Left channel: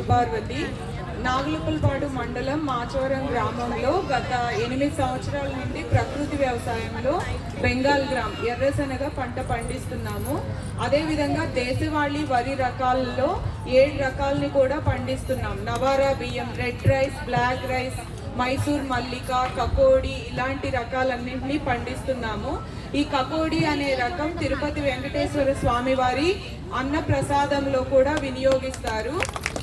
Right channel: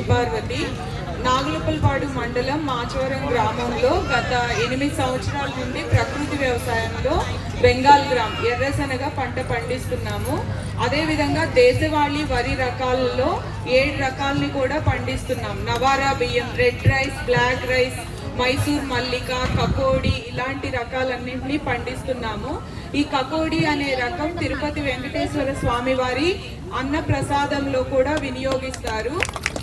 పార్వతి నాగులపల్పాడు మండలం మాచవరం గ్రామంలో గత 8 సంవత్సరాల నుండి ప్రకృతి వ్యవసాయంలో బెంగాల్ గ్రామ్ ఎర్రశనగ పంట పండిస్తున్నాము. అదేవిధంగా దేశవాళీ వరి రకాలలో 7 రకాలని కూడా పండిస్తున్నాం. నవారా బియ్యం, red rice, black rice, Mysore Mallika, కకోడి ఇలాంటి రకాలన్నింటినీ పండిస్తున్నాము. ఈ కకోడి అనే రకం తిరుపతి వెంకటేశ్వర స్వామి వారి అన్న ప్రసాదంలో కూడా వినియోగిస్తారు.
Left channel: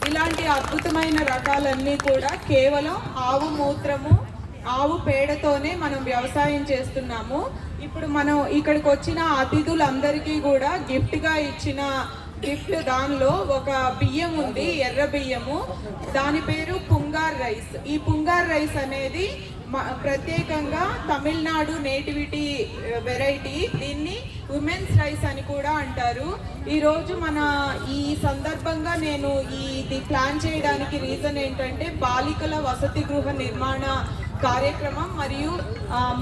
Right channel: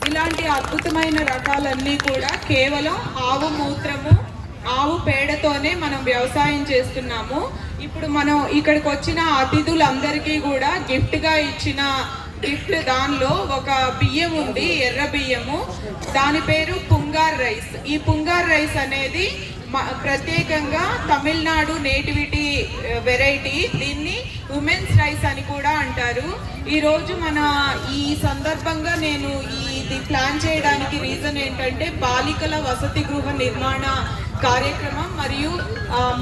ఇలాంటి అద్భుతమైన రకాలన్నీ కూడా కేవలం ఆవు మూత్రము, ఆవు పేడతోనే మనం వ్యవసాయం చేస్తున్నాము. ఇప్పుడు మనం ఇక్కడికి వచ్చిన అతిథులందరికీ కూడా గిఫ్ట్గా ఇచ్చిన దానిలో ఒక బియ్యం ఉంది, ఎర్ర బియ్యము. దాని పేరు పుంగార్ రైస్. ఈ పుంగార్ రైస్ అనేది ప్రత్యేకంగా తమిళనాడు నేటివిటీ వెరైటీ. దీన్ని ఉమెన్స్ రైస్ అని కూడా అంటారు. ఈరోజు ఈ సందర్భంగా నేను ఇది ప్లాన్ చేయడానికి రీజన్ ఏంటంటే బాలికల వసతి గృహ నిర్మాణ కార్యక్రమం మరియు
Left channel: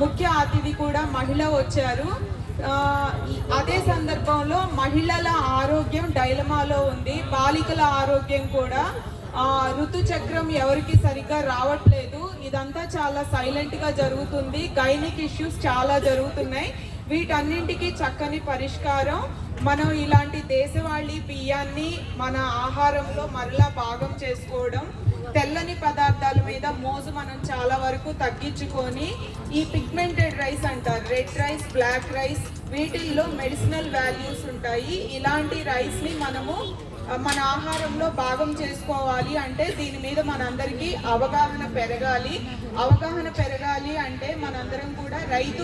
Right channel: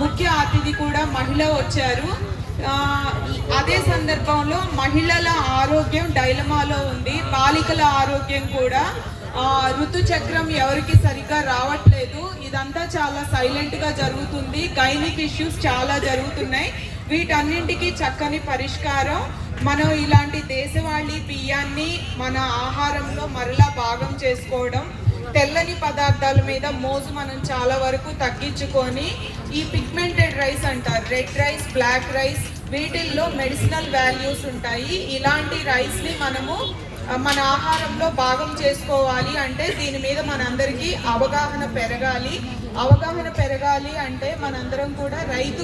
ముఖ్య అతిథి కూడా మహిళ వచ్చారు. అదే సందర్భంలో మహిళల ఆరోగ్యం డైలమాలో ఉంది, బాలికల ఆరోగ్యం కూడా. ఋతుచక్రం ఎవరికి సరిగ్గా రావట్లేదు. ఇదంతా చాలా సైలెంట్గా జరుగుతుంది. గైనిక్ ఇష్యూస్ చాలా జరుగుతున్నాయి. వీటన్నింటికి చక్కని పరిష్కారం మనం ఇలాంటి దేశవాళీ బియ్యాన్ని మన ఆహారంలో మరలా భాగం చేసుకోవడం, తెల్లని పదార్థాల మీద మోజు మనం చాలా వరకు తగ్గించుకొని ఈ పిగ్మెంటెడ్ రైస్ అంటారు, రెడ్ రైస్, బ్లాక్ రైస్, వీటిల్లో మెడిసినల్ వాల్యూస్ ఉంటాయి. ఇలాంటి రైస్ని మనము మన ఆహారంలో భాగం చేసుకోవాలి అంటే దీని మీద మనందరికీ అవగాహన పెరగాలి. అవగాహన పెరగాలి అంటే మనందరం కూడా రైతు